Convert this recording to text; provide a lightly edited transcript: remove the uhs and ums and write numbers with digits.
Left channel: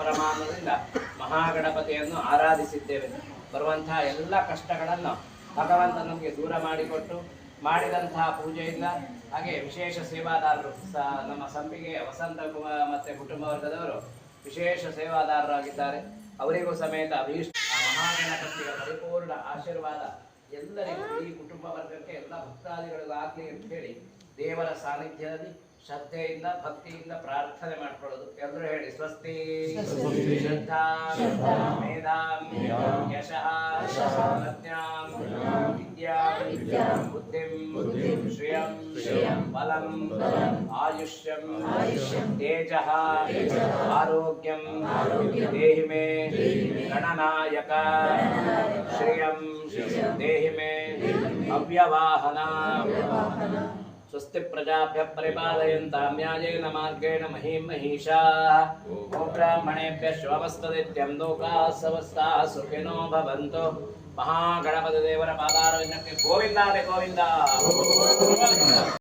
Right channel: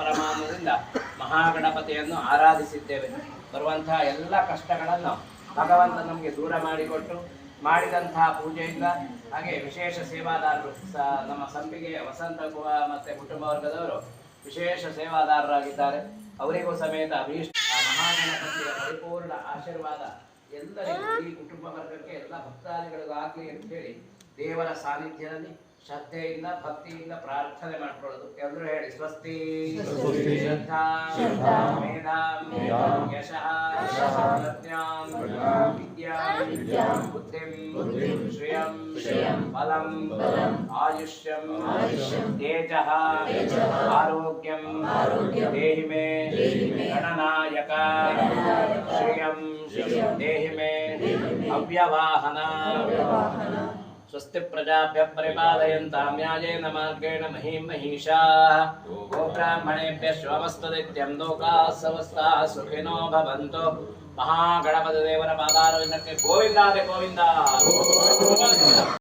ಪರಮಾತ್ಮದಿಂದ ಮಹಾಗಣಪತಿಯನ್ನು ಆರಾಧಿಸಿದ್ದೇವೆ. ಬರುವಂತಹ ಎಲ್ಲ ಕಷ್ಟಗಳನ್ನು ಭಗವಂತ ನಮಗೆ ದೂರ ಮಾಡಿಕೊಟ್ಟು ಮಾಡಿದಂತಹ ಪೂಜೆಯಿಂದ ಹಾಗೆ ವಿಶೇಷ ಸೇವಾದಾರರು ನಮ್ಮ ಸಂಪಿಗೆ ವಸಂತ ಮತ್ತು ಕುಟುಂಬ ವರ್ಗದವರು ವಿಶೇಷ ಸೇವಾದಾರರಾಗಿದ್ದಾರೆ. ಅವರಿಗೂ ಸಮೇತ ಅಭೀಷ್ಟ ಮಹಾಗಣಪತಿಯ ಪರಿಪೂರ್ಣ ಆಶೀರ್ವಾದ ಎಲ್ಲರಿಗೂ ಈ ಕುಟುಂಬ ವರ್ಗಕ್ಕೆ ಎಲ್ಲ ಭಕ್ತಾದಿಗಳಿಗೂ ಆಗಲಿ ಅಂತ ಹೇಳಿ ದೇವರ ಸಾನ್ನಿಧ್ಯದಲ್ಲಿ ಶ್ರದ್ಧೆಯಿಂದ ಭಕ್ತಿಯಿಂದ ಪ್ರಾರ್ಥನೆ ಮಾಡ್ಕೊಳ್ಳೋದು. ಎಲ್ಲರೂ ಹೇಳಿ ಸ್ವಸ್ತಿ ಶ್ರದ್ಧಾ ಮೇಧಾಂ ಯಶಃ ಪ್ರಜ್ಞಾಂ ವಿದ್ಯಾಂ ಬುದ್ಧಿಂ ಶ್ರಿಯಂ ಬಲಂ ಆಯುಷ್ಯಂ ತೇಜಃ ಆರೋಗ್ಯಂ ದೇಹಿ ಮೇ ಗಣನಾಯಕ ಶ್ರಿಯಂ ದೇಹಿ ಮೇ ಅವ್ಯವಾಹನ. ಸ್ವಸ್ತಿ ಪ್ರಜಾಭ್ಯ ಪರಿಪಾಲಯಂತಾಂ ನ್ಯಾಯೇನ ಮಾರ್ಗೇಣ ಮಹೀಂ ಮಹಿಷಾಃ. ಗೋಬ್ರಾಹ್ಮಣೇಭ್ಯಃ ಶುಭಮಸ್ತುನಿತ್ಯಂ ಲೋಕಾಃ ಸಮಸ್ತಾಃ ಸುಖಿನೋ ಭವಂತು. ಮಹಾಗಣಪತಿ ದೇವರ ಪಾದಾರವಿಂದಕ್ಕೆ ಗೋವಿಂದಾದೆ ಗೋವಿಂದ.